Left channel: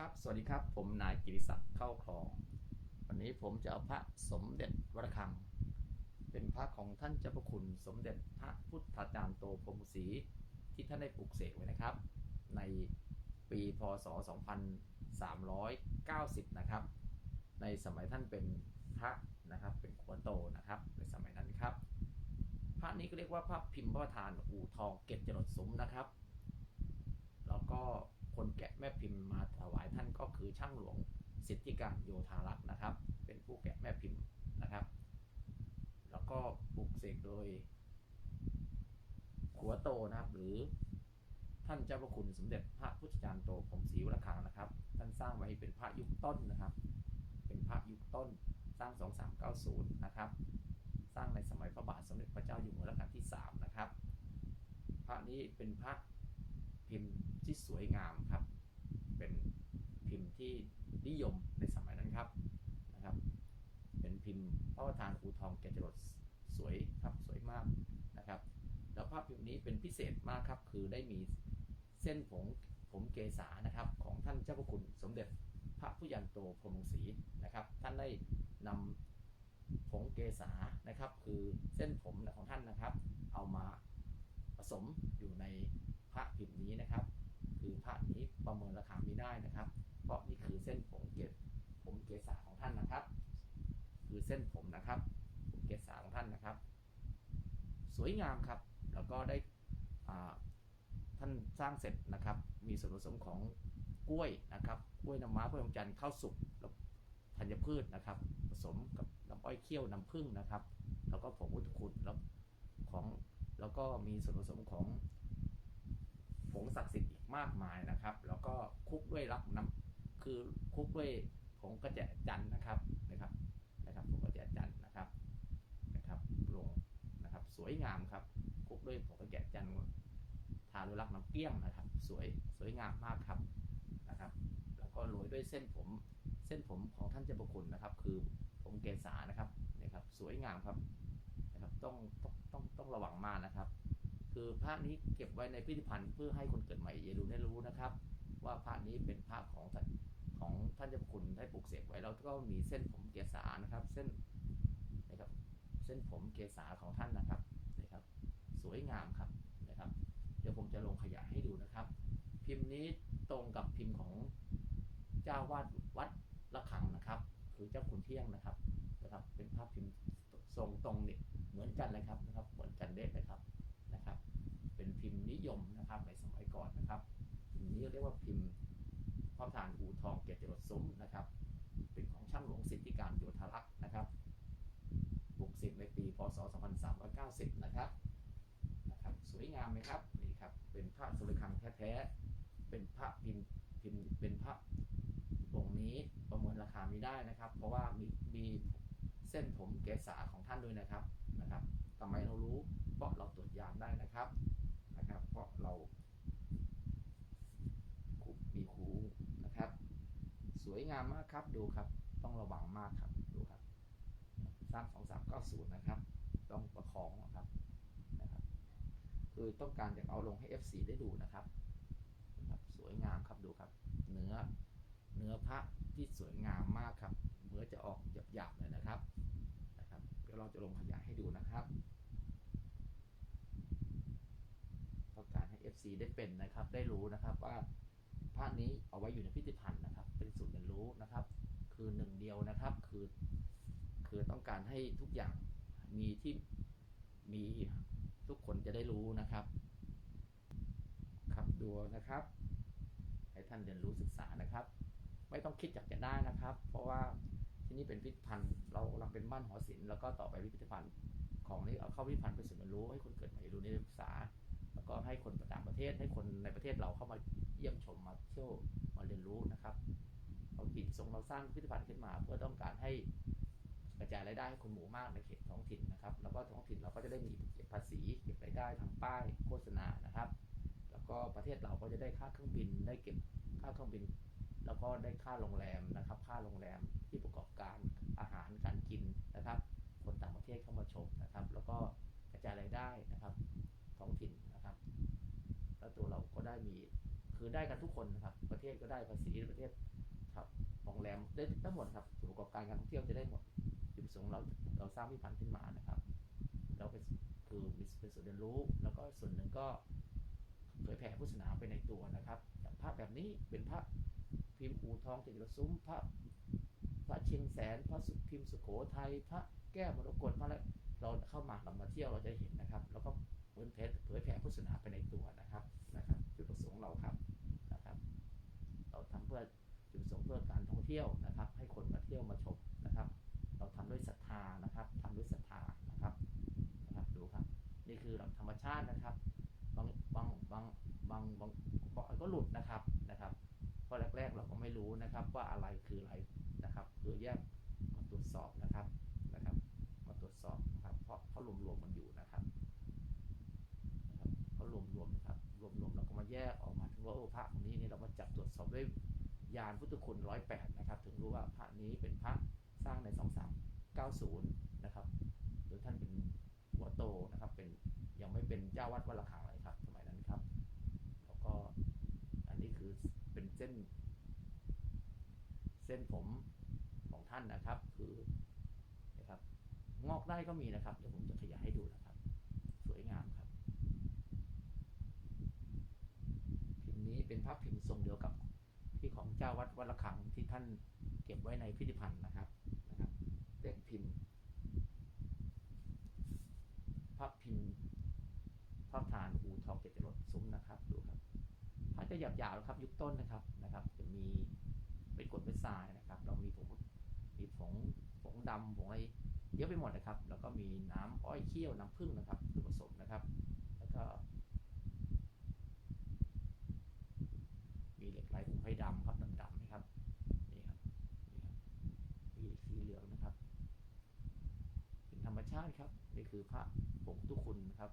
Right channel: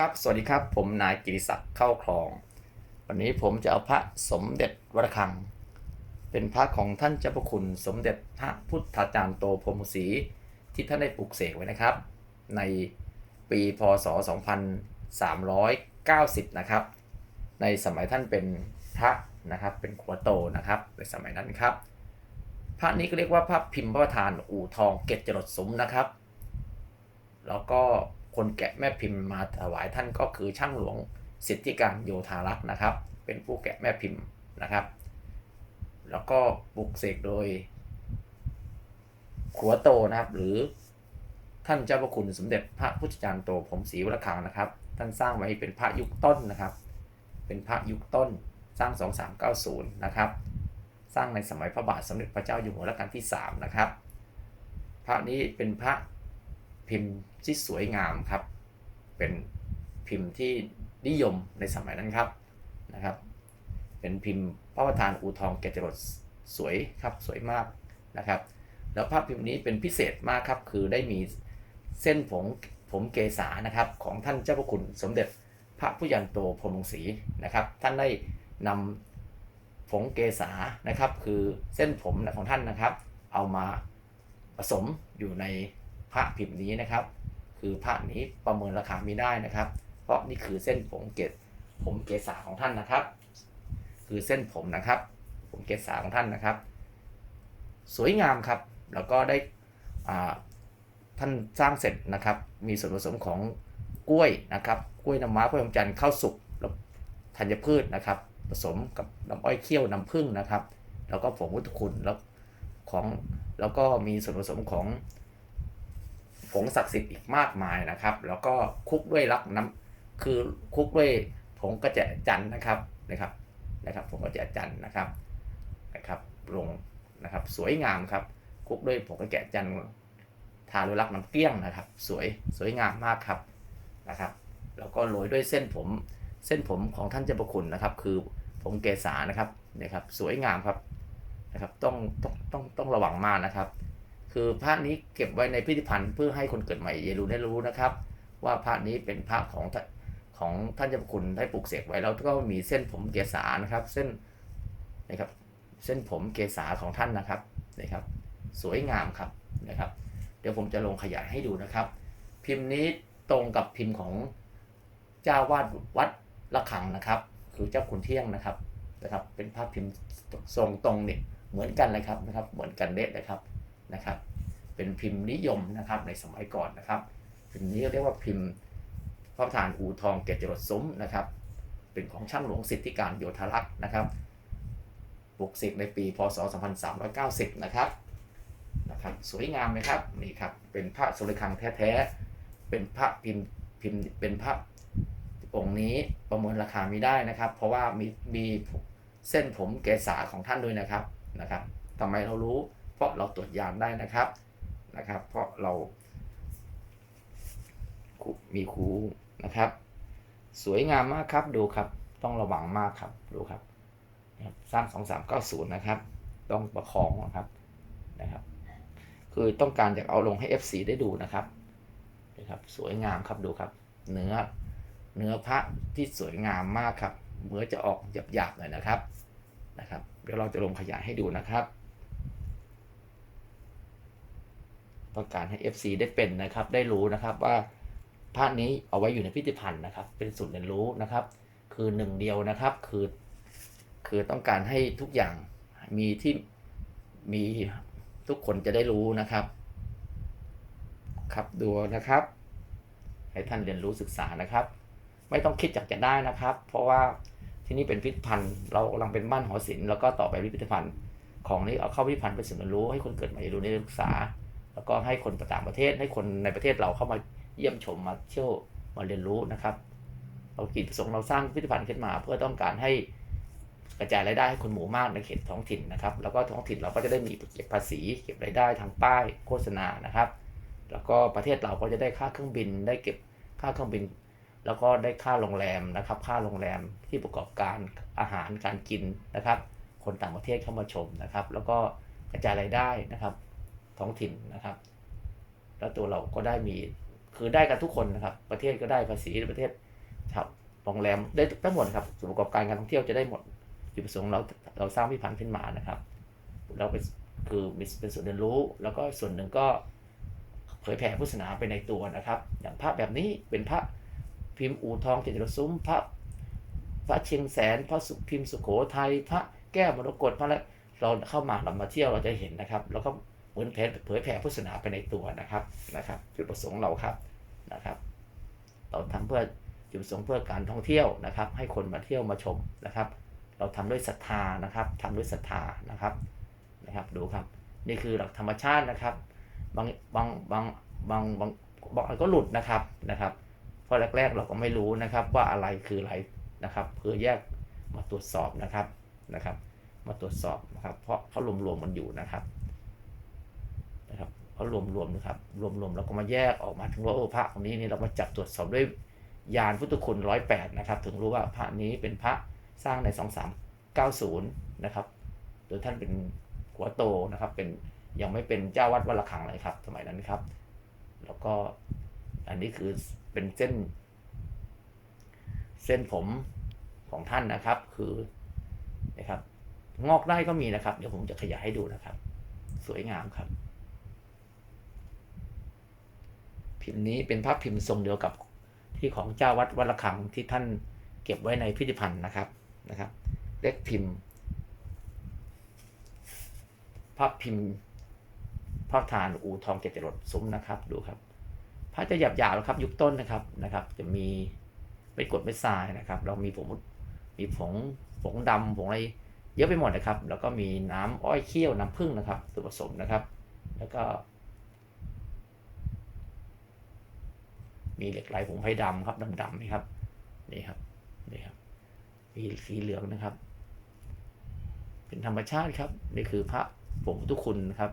ครับ สวัสดีครับ ผมนายกิติศักดิ์เข้าคลอง วันนี้ผมจะเอาพระสมเด็จวรคัง เป็นพระของท่านเจ้าพระคุณสมเด็จพระพุทธาจารย์โตพรมศรีที่ท่านได้ปลูกเสกไว้นะครับ ในปีพศ 2390 นะครับ ในสมัยท่านเป็นพระนะครับ เป็นขัวโตนะครับ ในสมัยนั้นครับ พระนี้ก็เรียกว่าพระพิมพ์พระประธานอู่ทองเกตจรดสมนะครับ แล้วก็ คนแกะแม่พิมพ์มาถวายท่านก็คือช่างหลวงสิทธิการโยธารักษ์นะครับ เป็นผู้แกะแม่พิมพ์นะครับ แล้วก็ปลุกเสกโดยขัวโตนะครับ หรือท่านเจ้าพระคุณสมเด็จพระพุทธจารย์โตผมศรีวรคังนะครับ ท่านสร้างไว้เป็นพระยุคต้นนะครับ เป็นพระยุคต้นสร้าง 2390 นะครับ สร้างในสมัยพระบาทสมเด็จพระเจ้าอยู่หัวรัชกาลที่ 3 นะครับ พระนี้เป็นพระ พิมพ์ที่สวยงามครับ เป็นพิมพ์ที่นิยมในสมัยนั้นครับนะครับ เป็นพิมพ์พระประธานอูทองแกจรดสวยครับสวยมากนะครับ แล้วภาพพิมพ์นี้เป็นพิเศษมากครับ คือได้มีเส้นผมผมเกษานะครับ ของท่านเจ้าพระคุณสมเด็จพระผู้ยันโตพรมงศรีนะครับ ท่านได้นำผงเกษานะครับ คือเส้นผมของท่านนะครับ เอามาผสมอยู่ใน พระพิมพ์นี้นะครับ คือพระนี้ประเมินราคาไม่ได้นะครับ เพราะนี่คือเส้นผมเกศผมเกษาของท่านนะครับ คือเส้นผมนะครับ ผมเกษาของท่านนะครับ สวยงามครับ แล้วก็ได้อ่าท่านสร้างเสร็จนะครับ มีส่วนผสมของกล้วยนะครับ กล้วยน้ำม้ากล้วยน้ำจันทร์ข้าวสุกแล้วธัญพืชนะครับ ผสมกับน้ำอ้อยเคี่ยวน้ำผึ้งนะครับ แล้วก็ผงวุฒิคุณแล้วของแล้วก็มีส่วนผสมของ ผงศักดิ์สิทธิ์อีกมากมายนะครับ แล้วก็คุกด้วยรักน้ำคือคุกด้วยผงกระเจาะจันนะครับนะครับนะครับผงกระเจาะจันนะครับนะครับลงนะครับสวยงามครับ คุกด้วยผงกระเจาะจันทาด้วยรักน้ำเกลี้ยงนะครับ สวยสวยงามมากครับนะครับ แล้วก็โรยด้วยเส้นผมเส้นผมของท่านเจ้าประคุณนะครับ คือผมเกษานะครับนี่ยครับ สวยงามครับนะครับต้องต้องต้องต้องระวังมากนะครับ คือพระนี้เก็บไว้ในพิพิธภัณฑ์เพื่อให้คนเกิดใหม่เยรูได้รู้นะครับ ว่าพระนี้เป็นพระของของท่านเจ้าพระคุณได้ปลูกเสกไว้แล้วก็มีเส้นผมเกษานะครับ เส้นนะครับ เส้นผมเกษาของท่านนะครับนะครับ สวยงามครับนะครับ เดี๋ยวผมจะลงขยายให้ดูนะครับ พิมพ์นี้ตรงกับพิมพ์ของเจ้าวาดวัดละคังนะครับ คือเจ้าคุณเที่ยงนะครับนะครับ เป็นภาพพิมพ์ทรงตรงเนี่ยเหมือนกันเลยครับนะครับ เหมือนกันเด็ดเลยครับ นะครับ เป็นพิมพ์นิยมนะครับในสมัยก่อนนะครับ พิมพ์นี้เรียกว่าพิมพ์พระประธานอู่ทองเกยรตจรดซุ้มนะครับ เป็นของช่างหลวงสิทธิการโยธารักษ์นะครับปลูกเสกในปีพศ 2390 นะครับนะครับสวยงามไหมครับนี่ครับเป็นพระสุริคังแท้ๆเป็นพระพิมพ์พิมพ์เป็นพระองค์นี้ประเมินราคาไม่ได้นะครับ เพราะว่ามีมีเส้นผมเกษาของท่านด้วยนะครับนะครับทำไมเรารู้ เพราะเราตรวจยานได้นะครับนะครับ เพราะเรา มีครูนะครับ สวยงามมากครับดูครับ ต้องระวังมากครับดูครับนะครับสร้าง2390นะครับ ต้องประคองนะครับนะครับ คือต้องการอยากเอาลงให้ FC ได้ดูนะครับนะครับ สวยงามครับดูครับ เนื้อเนื้อพระที่สวยงามมากครับเนื้อจะออกหยาบๆหน่อยนะครับนะครับ เดี๋ยวเราจะลงขยายให้ดูนะครับ ต้องการให้ FC ได้เป็นนะครับ ได้รู้นะครับว่าภาพนี้เอาไว้อยู่ในพิพิธภัณฑ์นะครับ เป็นศูนย์เรียนรู้นะครับ คือหนึ่งเดียวนะครับ คือ คือต้องการให้ทุกอย่างมีที่มีทุกคนจะได้รู้นะครับ ครับดูนะครับ ให้ท่านเรียนรู้ศึกษานะครับ ไม่ต้องคิดอยากจะได้นะครับ เพราะว่าที่นี่เป็นพิพิธภัณฑ์ เรากำลังเป็นบ้านหอศิลป์แล้วก็ต่อไปพิพิธภัณฑ์ ของนี้เอาเข้าพิพิธภัณฑ์เป็นศูนย์เรียนรู้ให้คนเกิดใหม่รู้ได้ศึกษา แล้วก็ให้คนต่างประเทศให้คนในประเทศเราเข้ามาเยี่ยมชมมาเที่ยวมาเรียนรู้นะครับเรากิจประสงค์เราสร้างพิพิธภัณฑ์ขึ้นมา เพื่อต้องการให้กระจายรายได้ให้คนหมู่มากในเขตท้องถิ่นนะครับ แล้วก็ท้องถิ่นเราก็จะได้มีเก็บภาษี เก็บรายได้ทางป้ายโฆษณานะครับ แล้วก็ประเทศเราก็จะได้ค่าเครื่องบิน ได้เก็บค่าเครื่องบิน แล้วก็ได้ค่าโรงแรมนะครับ ค่าโรงแรมที่ประกอบการอาหารการกินนะครับ คนต่างประเทศเข้ามาชมนะครับ แล้วก็กระจายรายได้นะครับ ท้องถิ่นนะครับ แล้วตัวเราก็ได้มีคือได้กันทุกคนนะครับ ประเทศก็ได้ภาษีประเทศครับโรงแรมได้ทั้งหมดครับส่วนประกอบการการท่องเที่ยวจะได้หมดจุดประสงค์เราเราสร้างพิพิธภัณฑ์ขึ้นมานะครับ เราเป็นคือมีเป็นส่วนเรียนรู้ แล้วก็ส่วนหนึ่งก็เผยแผ่พุทธศาสนาไปในตัวนะครับ อย่างพระแบบนี้เป็นพระพิมพ์อู่ทองเจริญซุ้มพระพระเชียงแสนพระสุพิมพ์สุโขทัยพระแก้วมรกตพระอะไรเราเข้ามาเรามาเที่ยวเราจะเห็นนะครับ แล้วก็ เหมือนเผยเผยแผ่พุทธศาสนาไปในตัวนะครับนะครับ จุดประสงค์เราครับนะครับ เราทำเพื่อจุดประสงค์เพื่อการท่องเที่ยวนะครับ ให้คนมาเที่ยวมาชมนะครับ เราทำด้วยศรัทธานะครับทำด้วยศรัทธานะครับนะครับดูครับ นี่คือหลักธรรมชาตินะครับบางบางบางบางบางบางอันก็หลุดนะครับนะครับเพราะแรก ๆ เราก็ไม่รู้นะครับว่าอะไรคืออะไรนะครับเพื่อแยกมาตรวจสอบนะครับนะครับ มาตรวจสอบนะครับ เพราะเขารวมๆมันอยู่นะครับ นะครับเขารวมๆนะครับ รวมๆเราก็มาแยกออกมาถึงว่าโอ้พระองค์นี้นี่เรามาจับตรวจสอบด้วยยานพุทธคุณร้อยแปดนะครับ ถึงรู้ว่าพระนี้เป็นพระสร้างในสองสามเก้าศูนย์นะครับโดยท่านเป็นหัวโตนะครับ เป็นยังไม่เป็นเจ้าวัดวัดระฆังเลยครับ สมัยนั้นครับ แล้วก็อันนี้คือเป็นเส้น เส้นผมของท่านนะครับ คือนะครับ งอกได้ก็มีนะครับ เดี๋ยวผมจะขยายให้ดูนะครับ สวยงามครับ พิมพ์นี้เป็นภาพพิมพ์ทรงเดียวกับที่ของเจ้าวัดวัดระฆังที่ท่านเก็บไว้ในพิพิธภัณฑ์นะครับนะครับเลขพิมพ์ ภาพพิมพ์ภาพทานอูทองเจ็ดจรดซุ้มนะครับดูครับพระจะหยาบหยาบๆครับ ยุคต้นนะครับนะครับ จะมีเป็นกดเป็นทรายนะครับ เรามีผงมีผงผงดำผงอะไรเยอะไปหมดนะครับ แล้วก็มีน้ำอ้อยเคี่ยวน้ำผึ้งนะครับตัวนผสมนะครับ แล้วก็ มีเหล็กไหลผงไผ่ดำครับดำๆนี่ครับนี่ครับนี่ครับมีสีเหลืองนะครับ เป็นธรรมชาติครับ นี่คือพระผงพุทธคุณนะครับ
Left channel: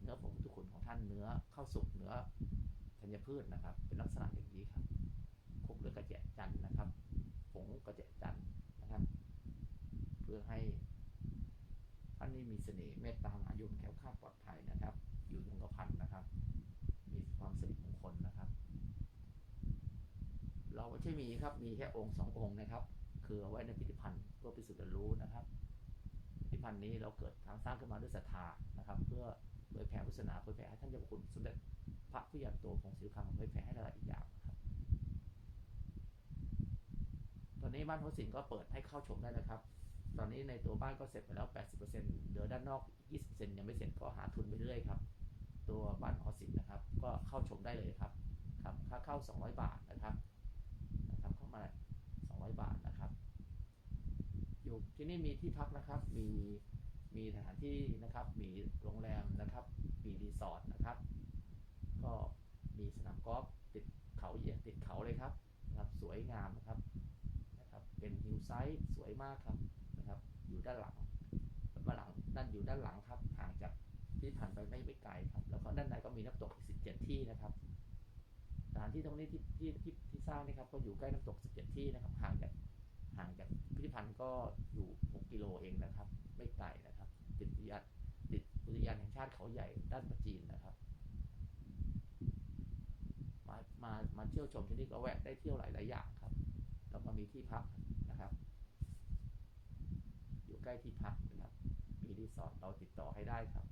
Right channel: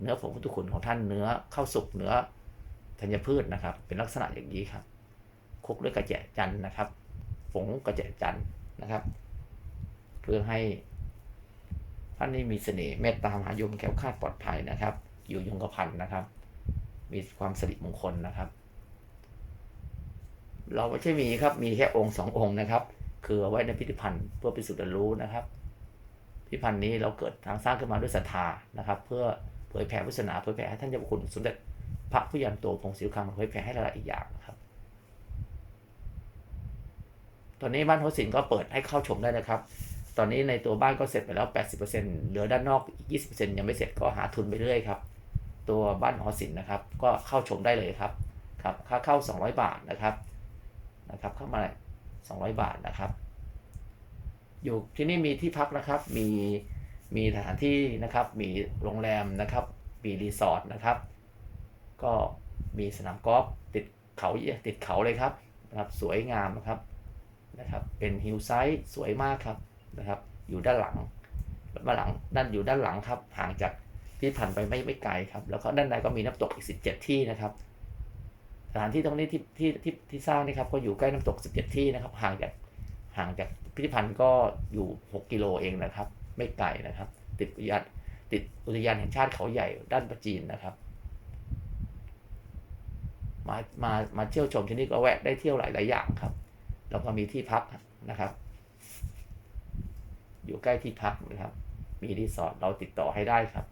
เนื้อผงพุทธคุณของท่านเนื้อข้าวสุกเนื้อธัญพืชนะครับ เป็นลักษณะอย่างนี้ครับคลุกด้วยกระเจจันทร์นะครับ ผงกระเจจันทร์นะครับ เพื่อให้ท่านนี้มีเสน่ห์เมตตามหาโยมแคล้วคลาดปลอดภัยนะครับ อยู่ยงกระพันนะครับ มีความสิริมงคลนะครับ เราไม่ใช่มีครับ มีแค่องค์สององค์นะครับ คือเอาไว้ในพิพิธภัณฑ์เพื่อพิสูจน์รู้นะครับ พิพิธภัณฑ์นี้เราเกิดทางสร้างขึ้นมาด้วยศรัทธานะครับ เพื่อเผยแผ่พุทธศาสนาเผยแผ่ให้ท่านเจ้าคุณสมเด็จพระผู้ยันโตพงศรีคังเผยแผ่ให้หลายๆอีกอย่างครับ ตอนนี้บ้านโฮสินก็เปิดให้เข้าชมได้นะครับ ตอนนี้ในตัวบ้านก็เสร็จไปแล้ว 80%เหลือด้านนอกอีก20%ยังไม่เสร็จก็หาทุนไปเรื่อยครับ ตัวบ้านหอศิลป์นะครับ ก็เข้าชมได้เลยครับครับค่าเข้า 200 บาทนะครับ นะครับเข้ามา200 บาทนะครับ อยู่ที่นี่มีที่พักนะครับ มีมีสถานที่นะครับ มีโรงแรมนะครับ มีรีสอร์ทนะครับ ก็มีสนามกอล์ฟติดเขาติดเขาเลยครับนะครับ สวยงามนะครับนะครับ เป็นฮิลไซด์สวยมากครับนะครับ อยู่ด้านหลังด้านหลังด้านอยู่ด้านหลังครับห่างจากพิพิธภัณฑ์ไปไม่ไม่ไกลครับ แล้วก็ด้านในก็มีน้ำตกอีก 17 ที่นะครับ สถานที่ตรงนี้ที่ที่ที่ที่สร้างนี่ครับก็อยู่ใกล้น้ำตก 17 ที่นะครับ ห่างจากห่างจากพิพิธภัณฑ์ก็อยู่ 6 กิโลเองนะครับ ไม่ไกลนะครับ ติดอุทยานติดอุทยานแห่งชาติเขาใหญ่ด้านประจีนนะครับ มามามาเที่ยวชมที่นี่ก็แวะได้เที่ยวหลายหลายอย่างครับ แล้วก็มีที่พักนะครับ อยู่ใกล้ที่พักนะครับ มีรีสอร์ทเราติดต่อให้ได้ครับ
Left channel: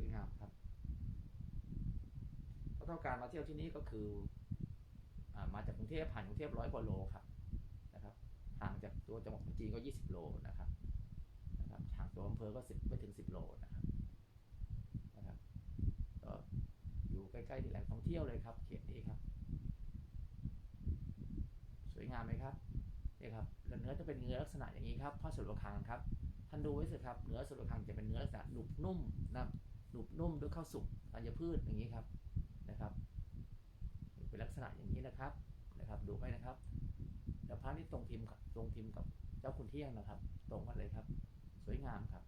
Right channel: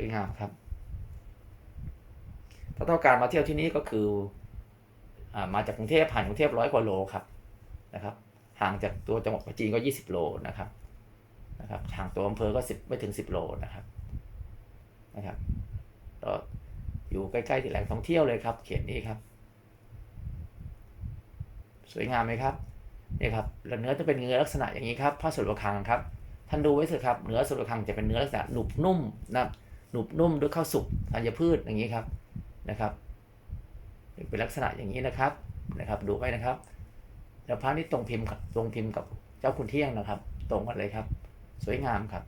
วยงามครับ ถ้าต้องการมาเที่ยวที่นี่ก็คืออมาจากกรุงเทพผ่านกรุงเทพร้อยกว่าโลครับนะครับ ห่างจากตัวจังหวัดปัจจีนก็ 20 โลนะครับนะครับห่างตัวอำเภอก็10ไม่ถึง 10 โลนะครับนะครับก็อยู่ใกล้ๆที่แหล่งท่องเที่ยวเลยครับ เขตนี้ครับ สวยงามไหมครับนี่ครับแล้วเนื้อจะเป็นเนื้อลักษณะอย่างนี้ครับผ้าสดระคังครับท่านดูไว้เถอะครับเนื้อสดระคังจะเป็นเนื้อลักษณะหนุบนุ่มนะครับ หนุบนุ่มด้วยข้าวสุกธัญพืชอย่างนี้ครับนะครับ เป็นลักษณะอย่างนี้นะครับนะครับ ดูไว้นะครับ แล้วพระนี่ตรงพิมพ์กับตรงพิมพ์กับเจ้าคุณเที่ยงนะครับ ตรงกันเลยครับ สวยงามครับ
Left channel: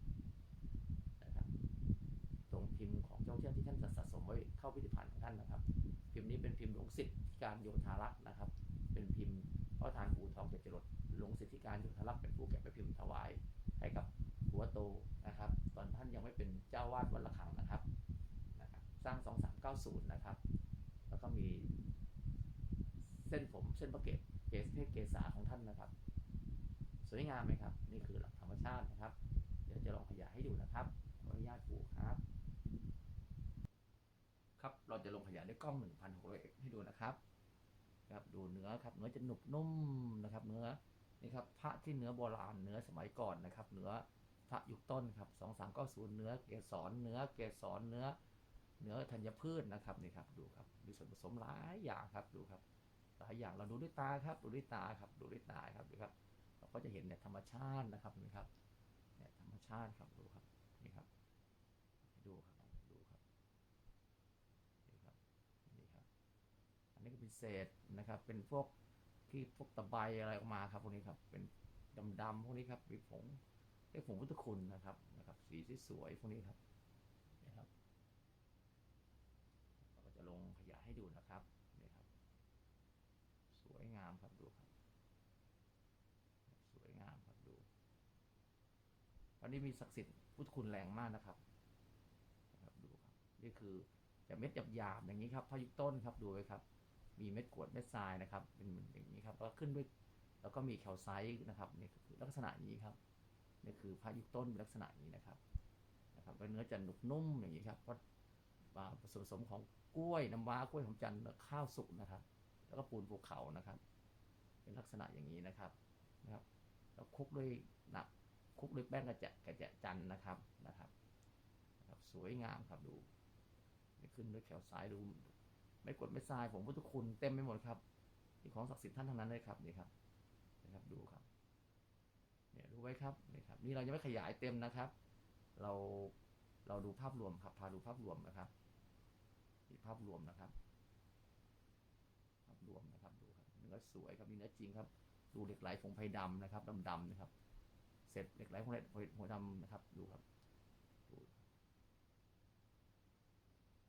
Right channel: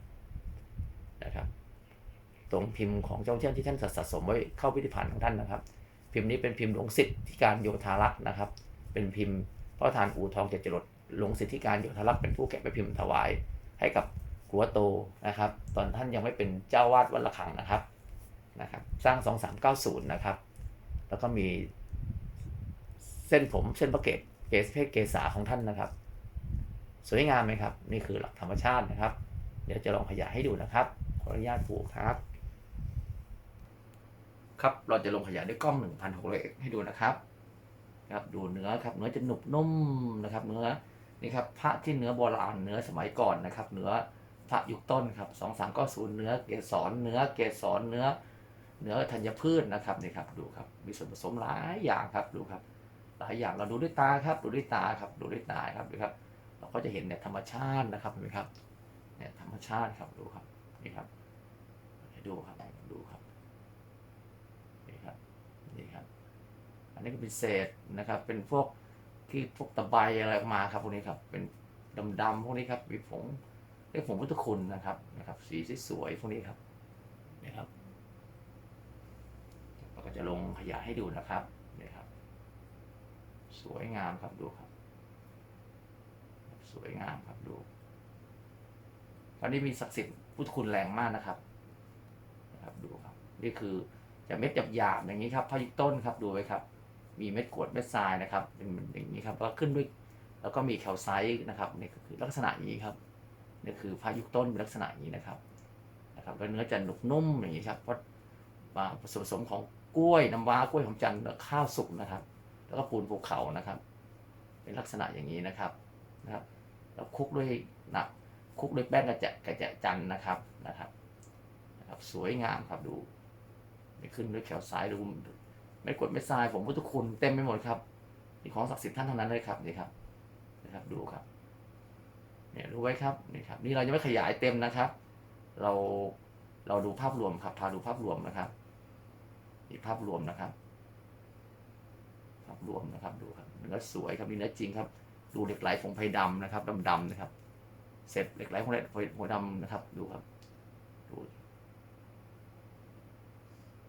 นะครับ ตรงพิมพ์ของเจ้าเที่ยงที่ท่านสะสมไว้เข้าพิพิธภัณฑ์ของท่านนะครับ พิมพ์นี้เป็นพิมพ์หลวงสิทธิการโยธารักษ์นะครับ เป็นพิมพ์พระประธานอู่ทองเจ็ดจรดหลวงสิทธิการโยธารักษ์เป็นผู้แกะไปพิมพ์ถวายให้กับ หัวโตนะครับ ตอนท่านยังไม่เป็นเจ้าวาดวัดระฆังนะครับนะครับ สร้าง 2390 นะครับ แล้วก็มีเส้นผมเส้นประเกตเกศเพศเกษาของท่านนะครับ สวยงามไหมครับ นี่คือหลักธรรมชาตินะครับ เดี๋ยวจะลองขยายให้ดูนะครับ ขออนุญาตผูกครับ ครับเราจะลงขยายด้วยกล้อง 1,600ให้ดูนะครับครับดูเนื้อครับเนื้อจะหนุบนุ่มนะครับ เนื้อนี่ครับพระที่เนื้อโบราณเนื้อสมัยก่อนนะครับ เนื้อ พระยุคต้นครับสองสามก็ศูนย์เนื้อเกสรเนื้อเกสรเนื้อ เนื้อธัญพืชนะครับนี่ครับดูครับมีส่วนผสมหลายอย่างครับดูครับ หลายอย่างเราดูด้วยตาครับ ดูด้วยตาครับดูด้วยตาครับดูครับ เราก็จะเห็นเนี่ยธรรมชาตินะครับเห็นไหมครับเนี่ยธรรมชาติครับดูครับนี่ครับดูครับดูครับนี่ครับนี่ครับ อันนี้ก็เป็นเศษนะครับ เป็นพวกที่พวกตะไบอะไรออกมาครับพวกนี้ครับเป็นดำๆพวกนี้ครับมีผง เรียกผงพุทธคุณนะครับนะครับ สีสวยๆพวกนี้ครับนี่ครับเราก็จะลงขยายให้ดูนะครับนี่ครับ สวยงามครับดูครับ สวยงามครับดูตอนนี้มีศักดิ์สิทธิ์พุทธคุณแรงมากนะครับนะครับดูครับ นี่คือจะเม็ดหยาบๆอย่างนี้ครับพายุต้นครับดูไว้ครับ มีเม็ดกรวดเม็ดทรายนะครับเป็นอย่างนี้ครับแล้วขึ้นด้วย แล้วก็มีแคลไซต์นะครับนี่ก็คือลักษณะอย่างนี้ครับ นี่คือพายุต้นเป็นลักษณะอย่างนี้นะครับนะครับแล้วเนื้อจะหนุบนุ่มอย่างนี้ครับเพราะมาผสมผสมของกล้วยน้ำว้ากล้วยหอมจันทร์และข้าวสุกนะครับ แล้วก็ปูนภูเขานะครับ เป็นลักษณะอย่างนี้นะครับนะครับ แล้วคลุกด้วยนะคลุกด้วยแป้งกระเจะกระเจะจันทร์นะครับนะครับนะครับ สวยงามครับดูนี่ขึ้นด้วยแคลไซต์ดูไม่กดไม่ทรายผมพุทธคุณเต็มไปหมดครับนี่ของศักดิ์สิทธิ์ท่านทั้งนั้นเลยครับนี่ครับนะครับดูครับ เนี่ยรู้ไว้ครับนี่ครับนี่เรายังไม่ขยายเต็มนะครับ เราเราดูภาพรวมครับพาดูภาพรวมนะครับนี่ภาพรวมนะครับ ภาพรวมนะครับดูครับเนื้อสวยครับนี่เนื้อจริงครับ ดูเหล็กไหลผงไผ่ดำนะครับดำๆนะครับ เสร็จเหล็กไหลผงไผ่ดำนะครับ ดูครับดู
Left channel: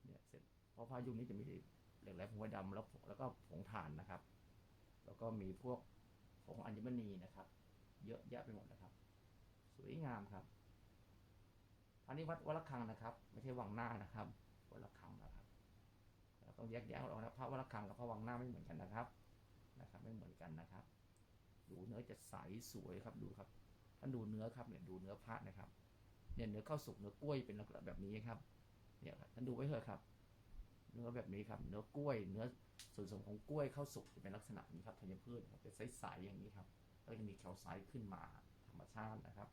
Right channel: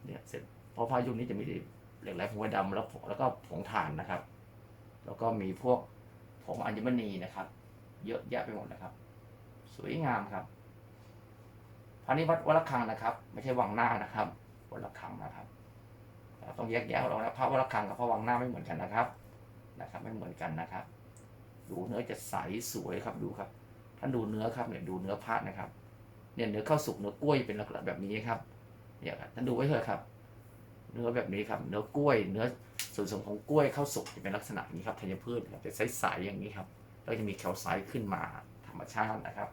เนี่ยเสร็จเพราะพายุคนี้จะมีเหล็กไหลผงไผ่ดำแล้วแล้วก็ผงถ่านนะครับ แล้วก็มีพวกผงอัญมณีนะครับ เยอะแยะไปหมดนะครับ สวยงามครับพระนี้วัดวัดระฆังนะครับ ไม่ใช่วังหน้านะครับวัดระฆังนะครับต้องแยกแยะออกนะพระวัดระฆังกับพระวังหน้าไม่เหมือนกันนะครับนะครับ ไม่เหมือนกันนะครับ ดูเนื้อจะใสสวยครับดูครับ ท่านดูเนื้อครับเนี่ยดูเนื้อพระนะครับ เนี่ยเนื้อข้าวสุกเนื้อกล้วยเป็นลักษณะแบบนี้ครับเนี่ยครับท่านดูไว้เถอะครับ เนื้อแบบนี้ครับ เนื้อกล้วย เนื้อส่วนผสมของกล้วยข้าวสุกจะเป็นลักษณะนี้ครับธัญพืชครับจะใสๆอย่างนี้ครับ แล้วจะมีแคลไซต์ขึ้นมาธรรมชาตินะครับ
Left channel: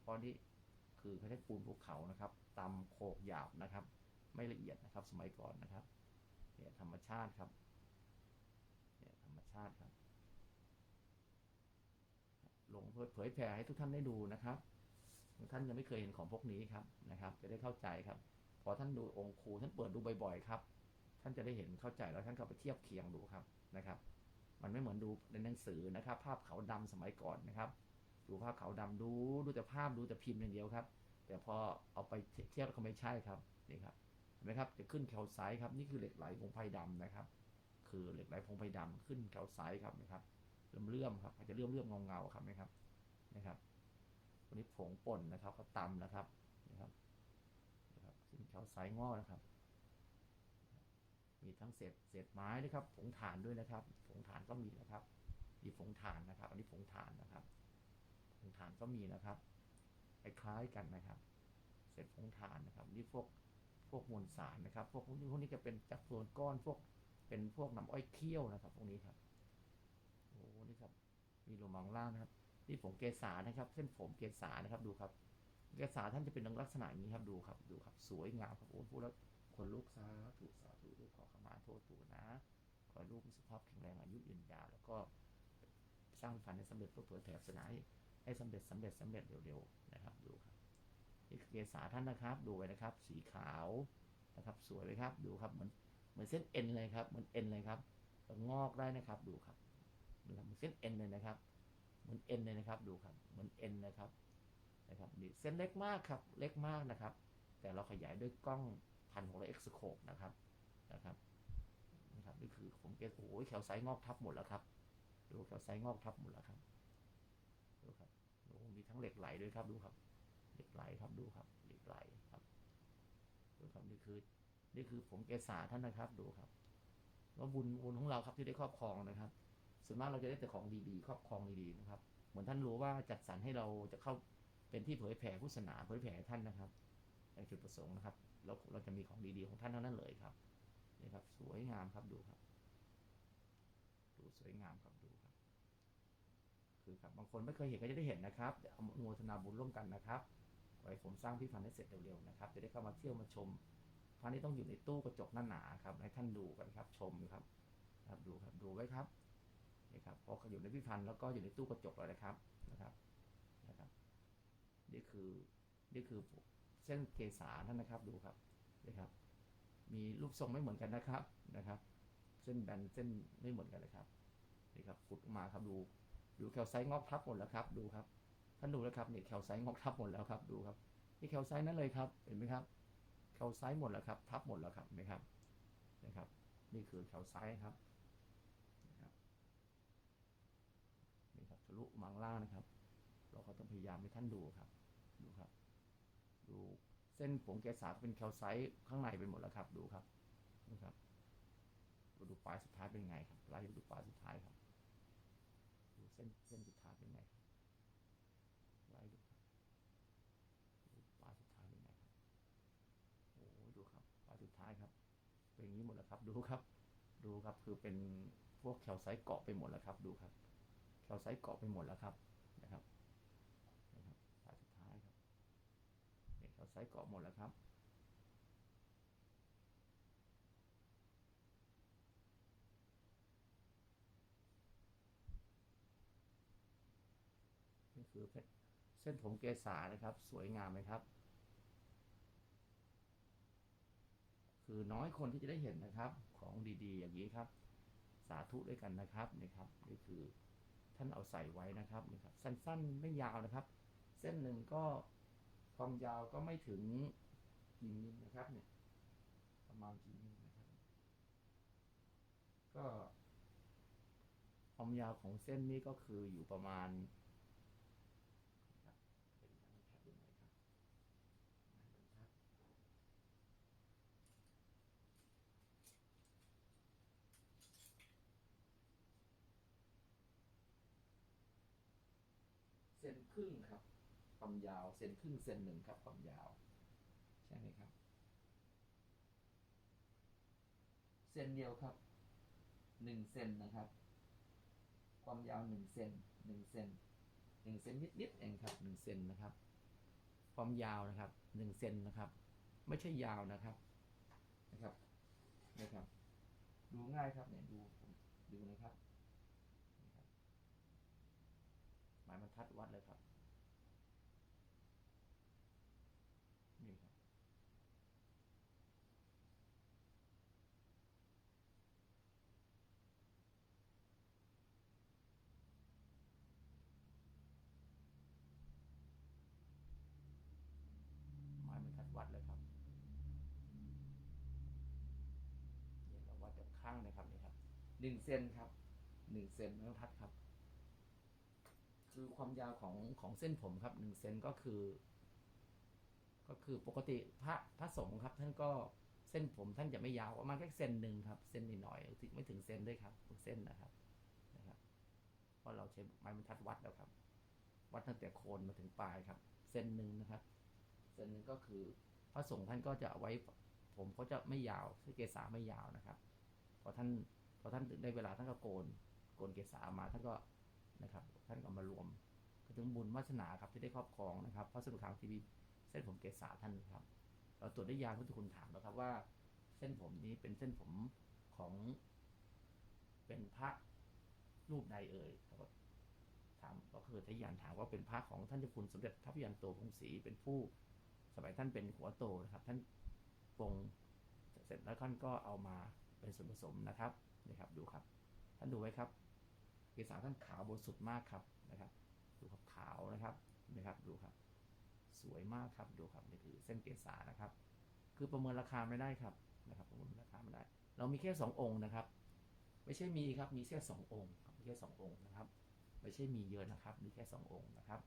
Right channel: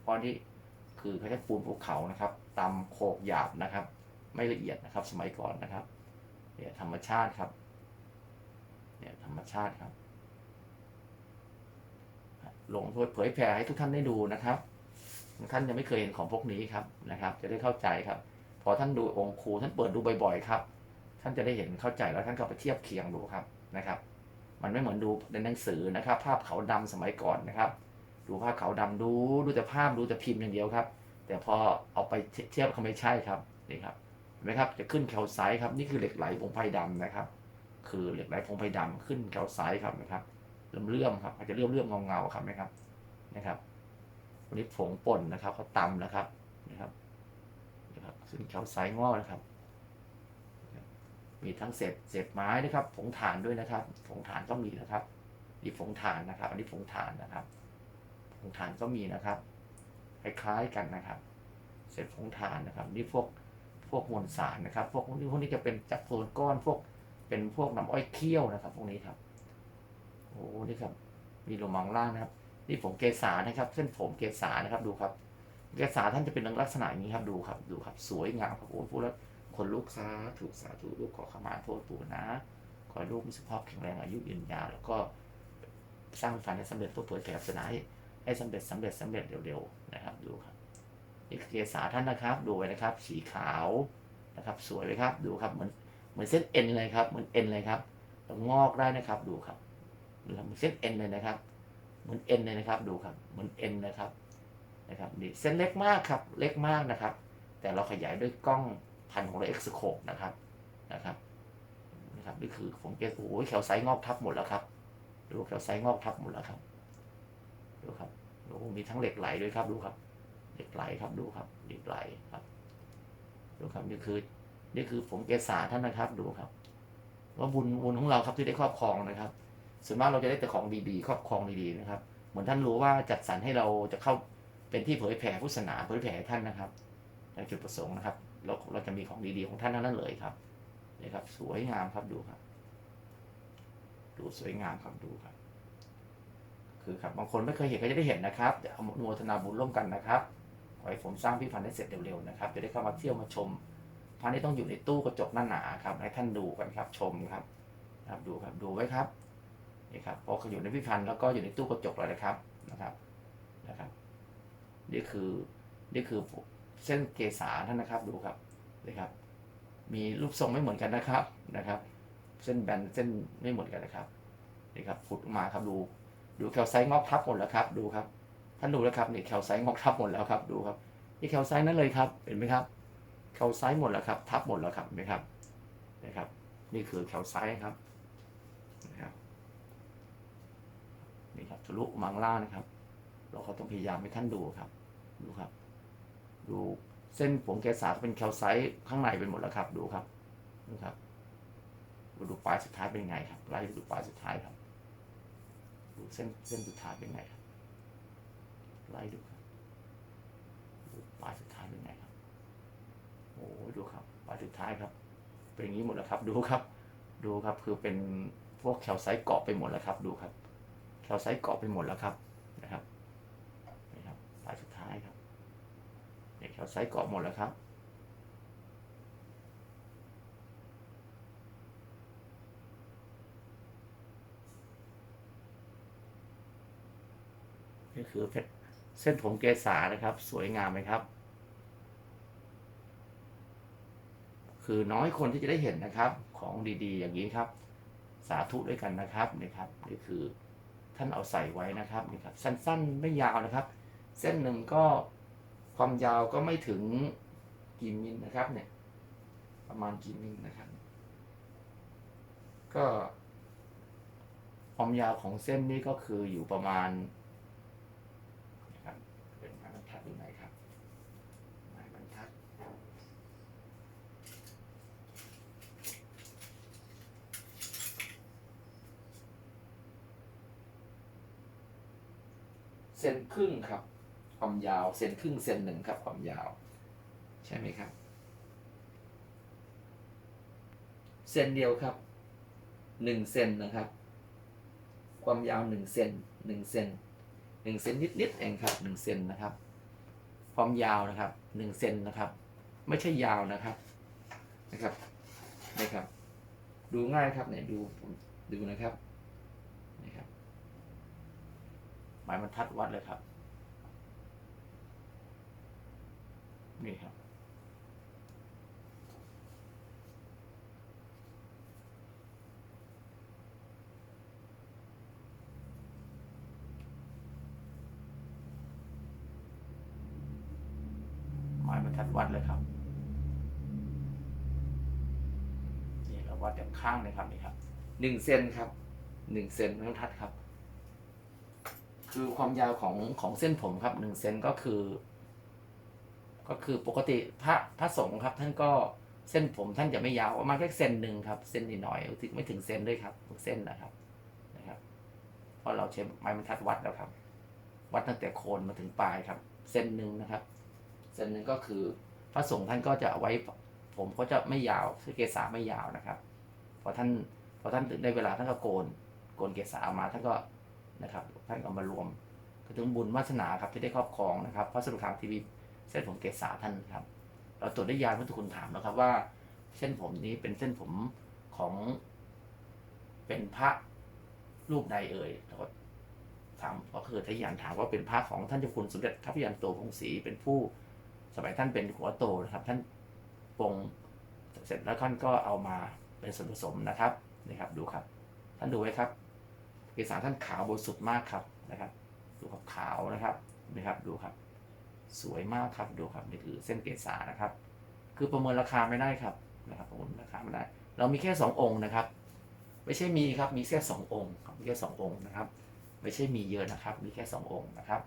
เพราะนี่คือเขาใช้ปูนภูเขานะครับตำโขกหยาบนะครับ ไม่ละเอียดนะครับสมัยก่อนนะครับเนี่ยธรรมชาติครับเนี่ยธรรมชาติครับ ลงเผยแผ่ให้ทุกท่านได้ดูนะครับ ท่านยังไม่เคยเห็นของพวกนี้ครับนะครับ จะได้เข้าใจครับ พอท่านดูองค์ครูท่านเปิดดูบ่อยๆครับ ท่านจะได้เห็นเข้าใจแล้วท่านก็ไปเทียบเคียงดูครับนะครับ มันไม่เหมือนดูในหนังสือนะครับ ภาพขาวดำสมัยก่อนนะครับ ดูภาพขาวดำดูดูแต่ภาพดูแต่พิมพ์อย่างเดียวครับ แต่พอเอาไปเทียบเขาไม่ใช่ครับนี่ครับเห็นไหมครับจะขึ้นแคลไซต์ครับนี่คือเหล็กไหลผงไผ่ดำนะครับ คือเหล็กไหลผงไผ่ดำขึ้นแคลไซต์ครับนะครับเลื่อมเลื่อมๆครับอาจจะเลื่อมเลื่อมเงาเงาๆครับไหมครับนะครับวันนี้ผงป่นนะครับเขาตำนะครับนะครับนะครับขึ้นแคลไซต์งอกนะครับ มีทั้งเศษเศษไม้นะครับ ผงถ่านด้วยนะครับ ผงถ่านก็มีนะครับนี่ผงถ่านนะครับ อันนี้ผงถ่านนะครับ ผงถ่านก็มีนะครับ คล้ายๆกันนะครับ เศษผงถ่านนะครับ นี่พวกพวกมวลสารนะครับ พวกนี้พวกนี้จะเป็นจากโคลนก้อนพวกเป็นพวกน้ำอ้อยเคี่ยวนะครับ พวกนี้ครับ โอ้นี่ครับ มีลมังล่างนะครับ นี่ผงเกสานะครับ เส้นผมเกสานะครับดูครับ เกสาท่านจะเป็นลักษณะอย่างนี้ครับ ดูครับ ดูครับ สวยงามครับโอ้พูดแล้ว คนลูกสาถูกสาธุลูกขอขมาโทษปู่นะ ขอลูกมีสุขภาพแข็งแรงอายุยืนยาวแล้วก็สร้างฝันให้สำเร็จเพื่อเผยแผ่ศาสนาให้ให้สำเร็จสำเร็จสำเร็จเร็วๆนะครับดูครับนี่คือเกษาท่านนะครับ ดูไว้นะครับ สีขาวนะครับ สวยเลยครับ ดูครับ เหมือนเหมือนเส้นเอ็นเลยครับ เหมือนเอ็นเลยครับงอกได้นะครับ ดูครับดูครับเหมือนเส้นเอ็นเลยนะครับ เหมือนเอ็นเลยนะครับ ดูครับ เหมือนเอ็นนะครับ นะครับนี่เส้นเล็กมากครับ เล็กมากนะครับ แต่เราขยายด้วยกล้อง พันของเราเอ็กซ์โคปนะครับนะครับนะครับนี่คือผมเกสโอ้ยแคลไซงอกทับหมดแล้วครับดูแคลไซงอกทับหมดแล้วครับดูครับดูมีทั้งเหล็กไหลด้วยครับดูครับ เหล็กไหลครับดูครับเหล็กไหลครับดูครับนี่คือนี่คือผมเกษาท่านนะครับดูครับ ว่าบุญบุญของเราครับที่ได้ครอบครองนะครับส่วนมากเราจะได้แต่ของดีๆ ครอบครองดีๆนะครับ เหมือนท่านรู้ว่าจัดสรรให้เราจะเข้าเป็นที่เผยแผ่พุทธศาสนาเผยแผ่ท่านนะครับในจุดประสงค์นะครับ เราเราจะมีของดีๆของท่านนั้นเลยครับนี่ครับ สวยงามครับดูครับ ดูสวยงามครับดูครับ คือครับบางคนไม่เคยเห็นก็จะได้เห็นนะครับเดี๋ยวอนุโมทนาบุญร่วมกันนะครับขอให้ผมสร้างพิพิธภัณฑ์ให้เสร็จเร็วๆนะครับจะได้เข้ามาเที่ยวมาชมพระนี่ต้องอยู่ในตู้กระจกหน้าหนาครับ ให้ท่านดูกันครับ ชมครับครับดูครับดูไว้ครับนี่ครับพอเขาอยู่ในพิพิธภัณฑ์แล้วก็อยู่ในตู้กระจกแล้วนะครับนะครับนะครับ นี่คือนี่คือ เส้นเกษาท่านนะครับดูครับนี่ครับ มีรูปทรงไม่เหมือนกันนะครับนะครับ เส้นแบนเส้นไม่เหมือนกันนะครับนี่ครับขุดมาครับดู ดูแคลไซต์งอกทับหมดแล้วครับ ดูครับท่านดูแล้วครับนี่แคลไซต์งอกทับหมดแล้วครับดูครับนี่แคลไซต์นั่นเลยครับเห็นไหมครับแคลไซต์หมดแล้วครับ ทับหมดแล้วครับเห็นไหมครับนะครับ นี่คือแคลไซต์ครับนะครับนี่ครับทะลุมังล่านะครับ เราก็ต้องพยายามให้ท่านดูครับ ดูครับ ดูเส้นผมแกสาเป็นแคลไซต์ข้างในเป็นหมดแล้วครับ ดูครับดูครับดูปลายสุดท้ายเป็นไงครับไล่ดูปลายสุดท้ายครับ ดูเส้นเส้นสุดท้ายเป็นไงครับไล่ดูครับดูปลายสุดท้ายเป็นไงครับโอ้ดูครับปลายสุดท้ายครับ เป็นอย่างนี้หมดแล้วครับ ดูครับ ดูครับคือเป็นพวกแคลไซต์เกาะไปหมดแล้วครับ ดูครับ แคลไซต์เกาะไปหมดแล้วครับนี่ครับปลายสุดท้ายครับ เนี่ยแคลไซต์เกาะหมดแล้วครับนี่คือเพชรเส้นผมเกษานะครับ สวยงามไหมครับ คือน้อยคนที่จะได้เห็นนะครับ ของดีๆ อย่างนี้ครับ สาธุด้วยกันนะครับนี่ครับนี่คือท่านเอาใส่ไว้นะครับนี่ครับ สั้นๆไม่ยาวนะครับ เส้นหนึ่งก็ ความยาวก็ไม่ถึงกี่มิลนะครับ เนี่ย ประมาณกี่มิลนะครับ ก็ความยาวของเส้นนี้ก็คืออยู่ประมาณนะครับเป็นไม้บรรทัดอยู่ไหนครับไม้บรรทัดเซนครึ่งครับ ความยาวเซนครึ่งเซนหนึ่งครับความยาว ใช่ไหมครับเซนเดียวครับหนึ่งเซนนะครับ ความยาวหนึ่งเซนหนึ่งเซนหนึ่งเซนนิดๆเองครับหนึ่งเซนนะครับ ความยาวนะครับหนึ่งเซนนะครับ ไม่ใช่ยาวนะครับนะครับนะครับ ดูง่ายครับเนี่ยดูดูนะครับนี่ครับหมายบรรทัดวัดเลยครับ นี่ครับหมายบรรทัดวัดเลยครับ นี่เราวัดจากข้างเลยครับนี่ครับหนึ่งเซนครับหนึ่งเซนบรรทัดครับ คือความยาวของของเส้นผมครับหนึ่งเซนก็คือ ก็คือปกติพระพระสงฆ์ครับ ท่านก็เส้นผมท่านจะไม่ยาวประมาณแค่เซนหนึ่งครับเส้นนิดหน่อยถึงไม่ถึงเซนด้วยครับทุกเส้นนะครับนะครับเพราะเราใช้ไม้บรรทัดวัดแล้วครับ วัดตั้งแต่โคนมาถึงปลายครับ เส้นหนึ่งนะครับเส้นหนึ่งก็คือพระสงฆ์ท่านก็จะเอาไว้ผมก็จะไม่ยาวคือเกษาไม่ยาวนะครับพอท่านพอท่านถึงได้เวลาท่านก็โกนโกนเกษาออกมาท่านก็นะครับ ท่านก็มารวมก็ถึงบุญวาสนาครับที่ได้ครอบครองนะครับพระสรุปทางทีวี เส้นผมเกษาท่านครับ เราตรวจได้ยานพุทธคุณถามแล้วครับว่า เส้นผมนี้เป็นเส้นผมของเป็นพระรูปใดเอ่ยแล้วก็ถามก็คือทยานถามว่าเป็นพระของท่านเจ้าคุณสมเด็จทัพยานโตพงศรีเป็นผู้สมัยท่านเป็นหัวโตนะครับ ท่านปงเสร็จแล้วท่านก็เอามาเป็นส่วนผสมนะครับนี่ครับ ดูครับ ท่านดูไว้ครับเกสาท่านขาวบริสุทธิ์มากครับนะครับ ดูครับขาวนะครับนะครับดูครับ สวยมากครับดูครับนี่คือเส้นเกษานะครับ คือประเมินราคาไม่ได้ครับนะครับประเมินราคาไม่ได้ เรามีแค่สององค์นะครับ ไม่ใช่มีครับมีแค่สององค์ครับมีแค่สององค์นะครับ ไม่ใช่มีเยอะนะครับ มีแค่สององค์นะครับ